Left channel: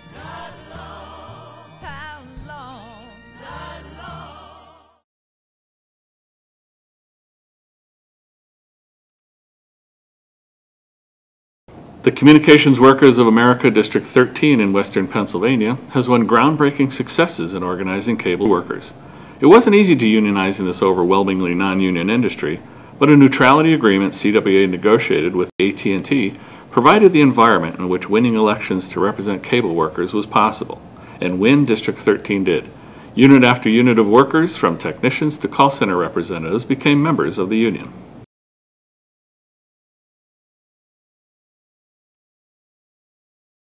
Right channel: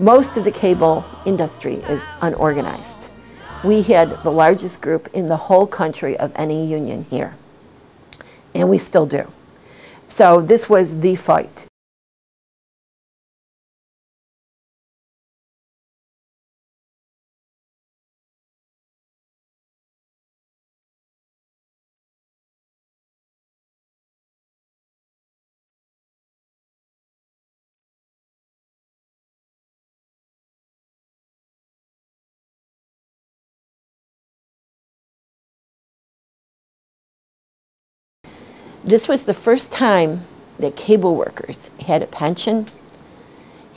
Most of the cable industry is unorganized. We had the largest group in the whole country of any union here, and we still do. So this was the fight. The Communications Workers of America District 13 in Western Pennsylvania has won groundbreaking successes in organizing cable workers. It wasn't easy to unionize in this overwhelmingly non-union industry, but a neutrality agreement CWA negotiated with AT&T provided the environment in which winning elections to represent cable workers was possible, and win District 13 did. Unit after unit of workers, from technicians to call center representatives, became members of the union. This was the first time that cable workers had a pension,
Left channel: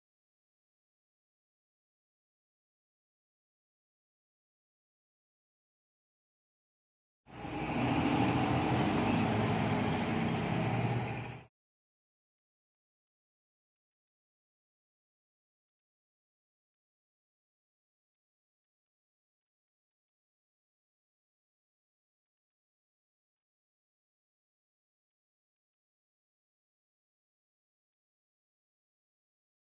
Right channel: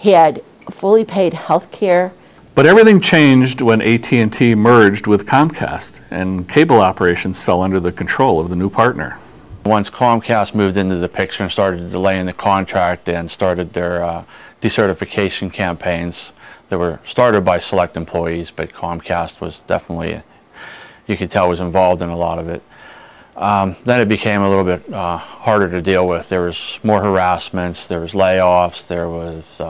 had fully paid health care. But everything changed when AT&T merged with Comcast, and cable operations fell under the control of the new partner. Once Comcast moved into the picture and started delaying the contract and started their decertification campaigns that were started by select employees, but Comcast was definitely, you could tell, was involved in a lot of it. Then it became a little bit harder to deal with. There was more harassments, there was layoffs, there was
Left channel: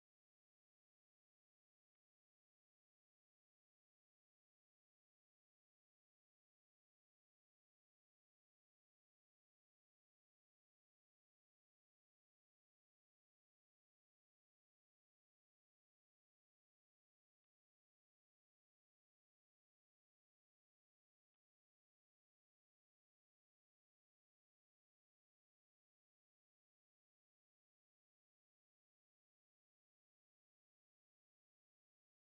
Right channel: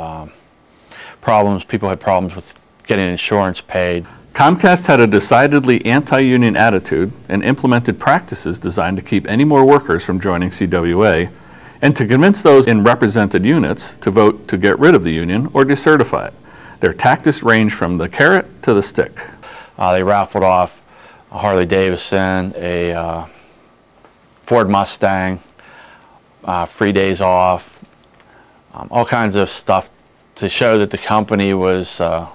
problems. People had problems with getting insurance paid. Comcast had a decidedly anti-union attitude and implemented practices designed to keep any more workers from joining CWA and to convince those in represented units to vote to get rid of the union or decertify it. Their tactics ranged from the carrot to the stick. They raffled off a Harley Davidson, a Ford Mustang, free days off, all kinds of stuff to show that the company was a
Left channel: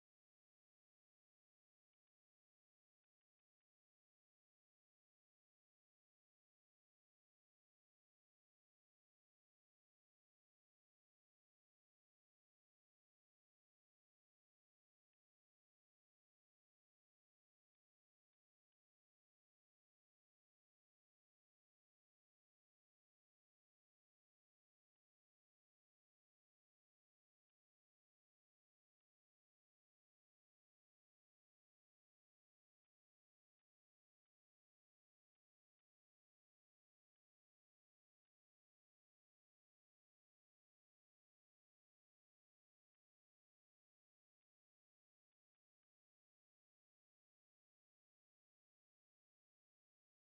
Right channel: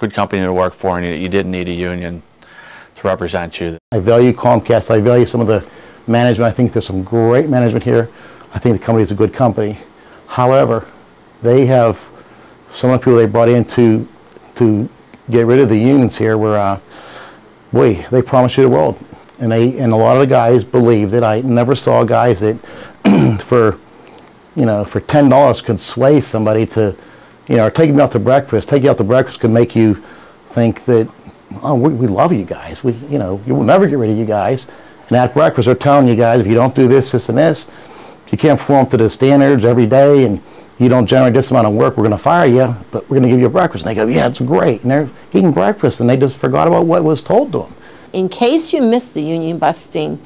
good company to work for and you didn't need a union to represent you. I value Comcast. I value some of the management. I think there's some great management here. I think the company is a good company. However, they have some of the people they brought in to get rid of the unions here were, boy, they promised you the world. And a lot of the guys believe that. I never saw guys that for $10 could sway somebody to, or take you out to breakfast. Take you out to breakfast could make you think that, oh, we love you guys. You will never get rid of you guys. And at breakfast they're telling you guys, if you don't do this, this, and this, if you can't perform to the standards every day, and you don't generate this amount of work, we're going to fire you, but we're going to give you a breakfast. And they go, yeah, it's great. And they're eating breakfast, and they just forgot about what was told to them. In case you missed the union busting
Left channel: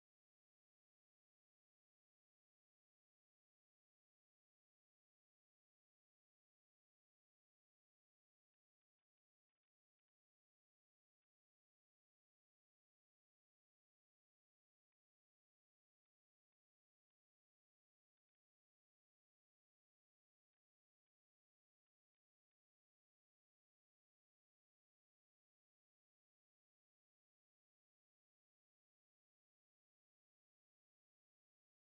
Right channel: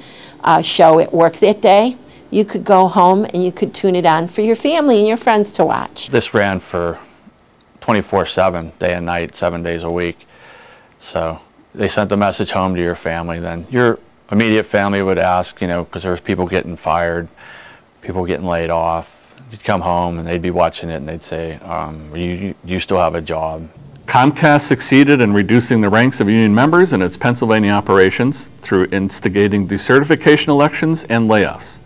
show at work that day, you could go home and you could tune it on for your family and your friends to watch. This ran for 24/7, day and night, 7 days a week. So they sent the message home to your family. Then your immediate family would ask, because there was people getting fired, people getting laid off. You'd come home and they'd be watching it and they'd say, you still have a job. Comcast succeeded in reducing the ranks of union members in its Pennsylvania operations through instigating decertification elections and layoffs.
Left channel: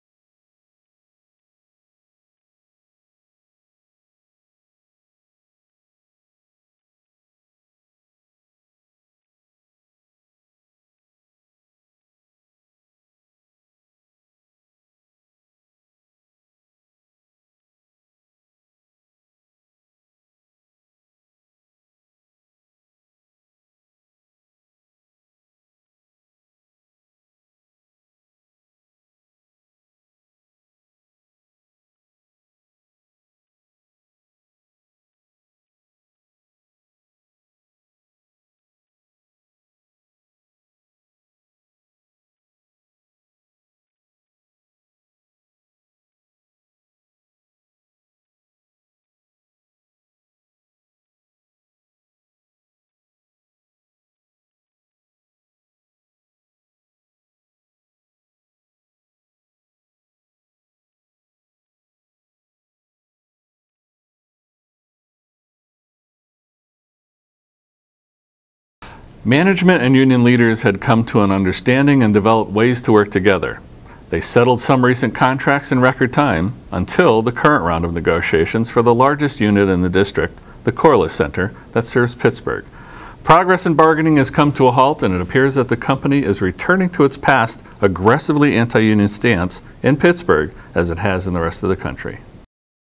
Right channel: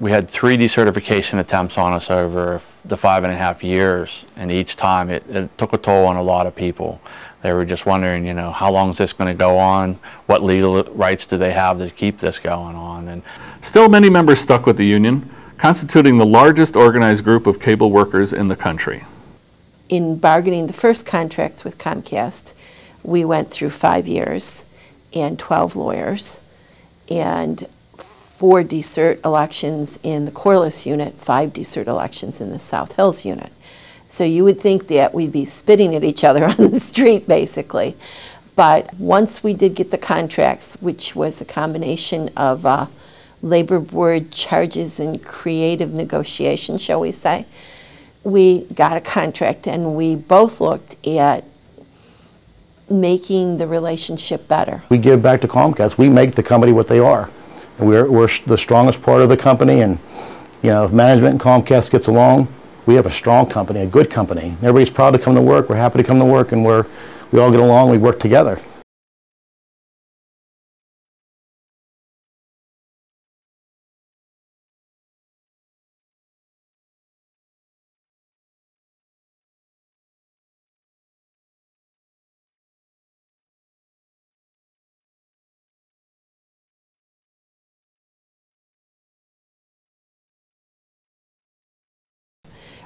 We had 3 decertification attempts on us over the 5.5 years, and each time it took a toll on a lot of people. They were just wondering, how long is this going to go on? What legal rights do they have to keep this going on? And still, many members stuck with the union, constituting the largest organized group of cable workers in the country. In bargaining the first contracts with Comcast, we went through 5 years and 12 lawyers and 4 decert elections in the Corliss unit, 5 decert elections in the South Hills unit. So you would think that we'd be spitting at each other on the street, basically. But once we did get the contracts, which was a combination of labor board charges and creative negotiation, shall we say, we got a contract, and we both looked at making the relationship better. We give back to Comcast. We make the company what they are. We're the strongest part of the company, and if management and Comcast gets along, we have a strong company, a good company. Everybody's proud to come to work. We're happy to come to work, and we all get along. We work together. Management and union leaders had come to an understanding and developed ways to work together. They settled some recent contracts in record time until the current round of negotiations for the largest unit in the district, the Corliss Center, that serves Pittsburgh. Progress in bargaining has come to a halt, and it appears that the company is returning to its past aggressively anti-union stance in Pittsburgh as it has in the rest of the country.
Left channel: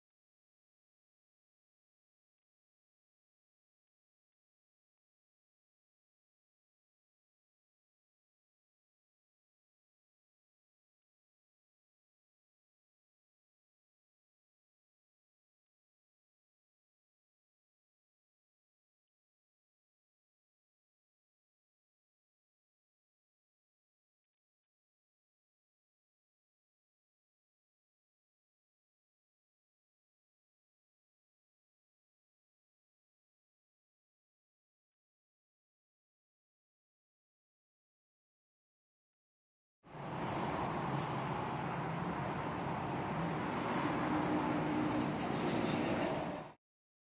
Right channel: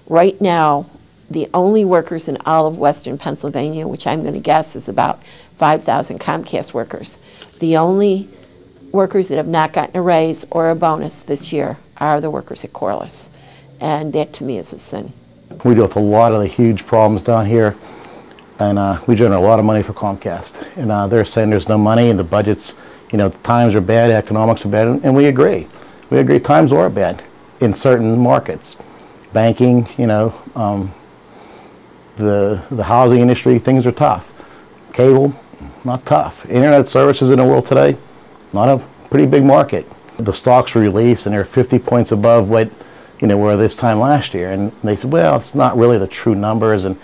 Right now, the only workers in all of Western Pennsylvania, which I'm going to guess is about 5,000 Comcast workers, the only workers that have not gotten a raise or a bonus this year are the workers at Corliss. And that to me is a sin. We deal with a lot of the huge problems down here. and we generate a lot of money for Comcast. And they're saying there's no money and the budgets, you know, times are bad, economics are bad, and we agree. We agree times are bad in certain markets. Banking, you know, the housing industry, things are tough. Cable, not tough. Internet services in the world today, not a pretty big market. The stocks were released and they're 50 points above what, you know, were this time last year. And they said, well, it's not really the true numbers. And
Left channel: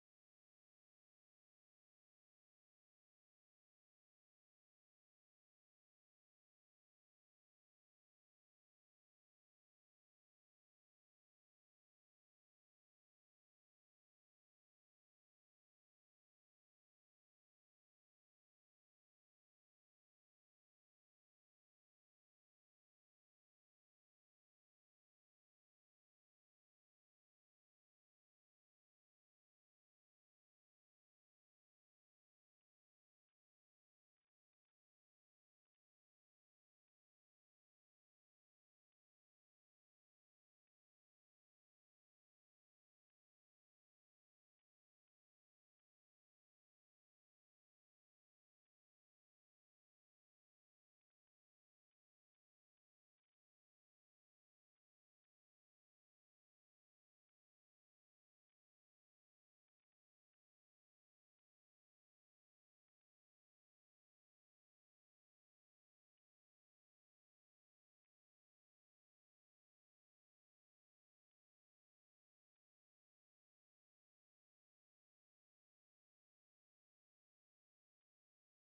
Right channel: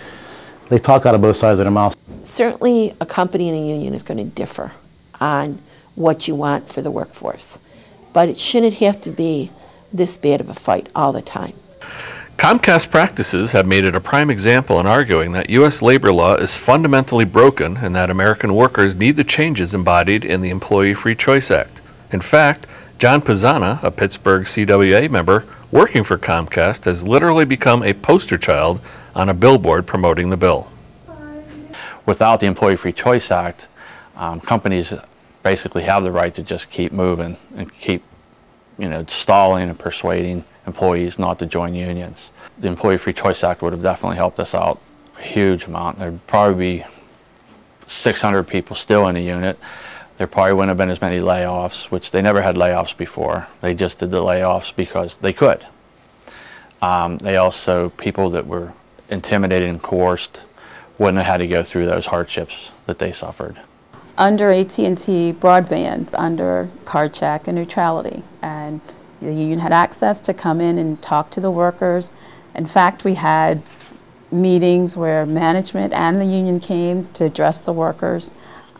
they talk out of both sides of their mouth. Certainly a company and a union is going to differ on what you want for the workforce. But it shouldn't have to be this bad of a fight all the time. Comcast practices have made it a prime example in arguing that U.S. labor law is fundamentally broken and that American workers need the changes embodied in the Employee Free Choice Act. In fact, John Pezzana, a Pittsburgh CWA member working for Comcast, has literally become a poster child on a billboard promoting the bill. Without the Employee Free Choice Act, companies basically have the right to just keep moving and keep, you know, stalling and persuading employees not to join unions. The Employee Free Choice Act would have definitely helped us out a huge amount. There'd probably be 600 people still in the unit. There probably wouldn't have been as many layoffs, which they never had layoffs before. They just did the layoffs because they could. They also, people that were intimidated and coerced wouldn't have had to go through those hardships that they suffered. Under AT&T broadband, under card check and neutrality, and the union had access to come in and talk to the workers. In fact, we had meetings where management and the union came to address the workers,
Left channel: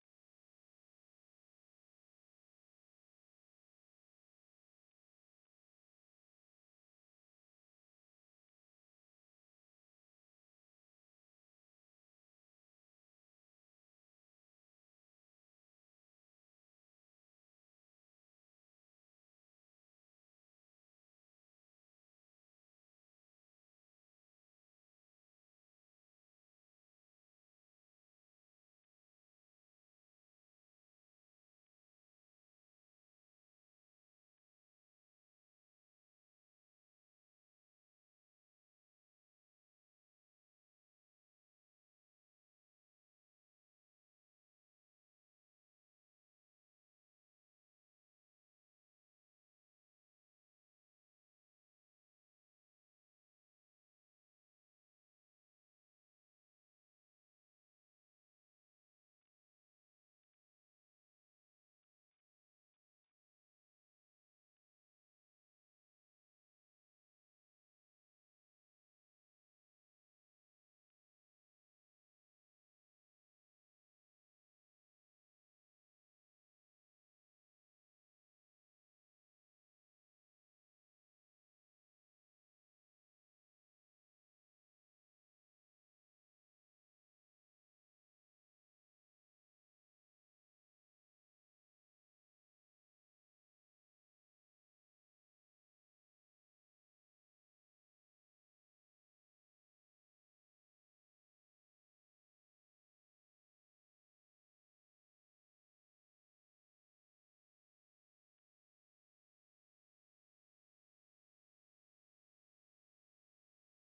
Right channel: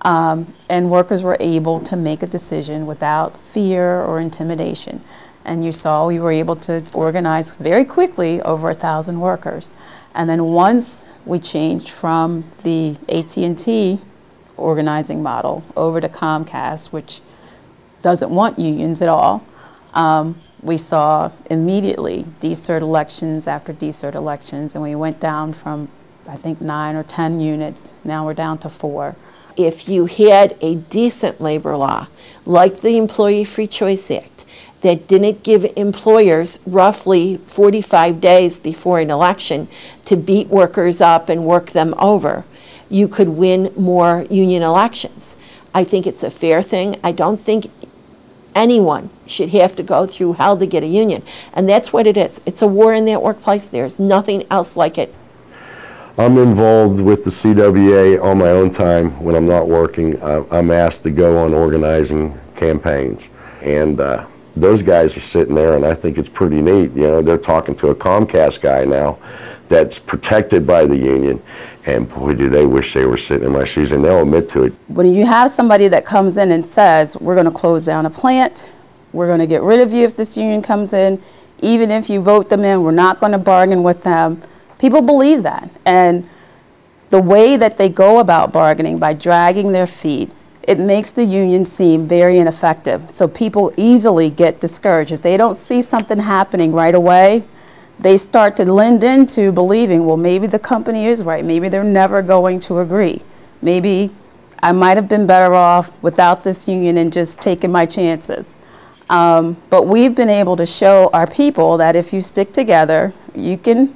and workers were able to make a decision without fear or intimidation. And you saw we were able to organize very quickly over 1,000 workers. And then once we changed from the AT&T organizing model over to Comcast, which doesn't want unions at all, we saw immediately decert elections after decert elections, and we went down from, I think, 9 or 10 units. Now we're down to 4. If you had a decent labor law, like the Employee Free Choice Act, that didn't give employers roughly 45 days before an election to beat workers up and work them over, you could win more union elections. I think it's a fair thing. I don't think anyone should have to go through hell to get a union. And that's what it is. It's a war in that workplace. There's nothing else like it. I'm involved with the CWA on my own time when I'm not working. I'm asked to go on organizing campaigns. And those guys are sitting there, and I think it's pretty neat. You know, they're talking to a Comcast guy now that's protected by the union. And boy, do they wish they were sitting in my shoes, and they'll admit to it. When you have somebody that comes in and says, we're going to close down a plant, we're going to get rid of you if this union comes in, even if you vote them in, we're not going to bargain with them, people believe that. And the way that they go about bargaining, by dragging their feet, it makes the union seem very ineffective. So people easily get discouraged. If they don't see something happening right away, they start to lend into believing, well, maybe the company is right. Maybe they're never going to agree. Maybe I might have been better off without this union and just taking my chances. But we've been able to show our people that if you stick together, you can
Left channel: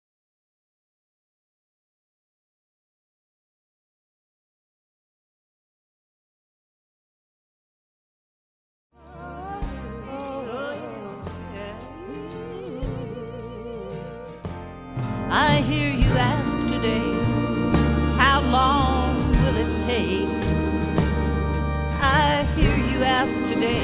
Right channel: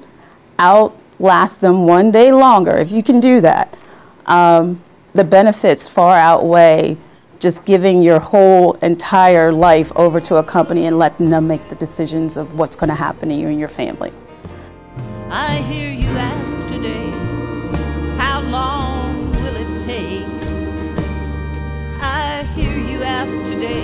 outlast them one day longer. If you can do that, the benefits far outweigh just giving your whole entire life over to a company and letting them make the decisions of what's going to happen to you and your family. I hear you ask today, how long will it take? I hear you ask today,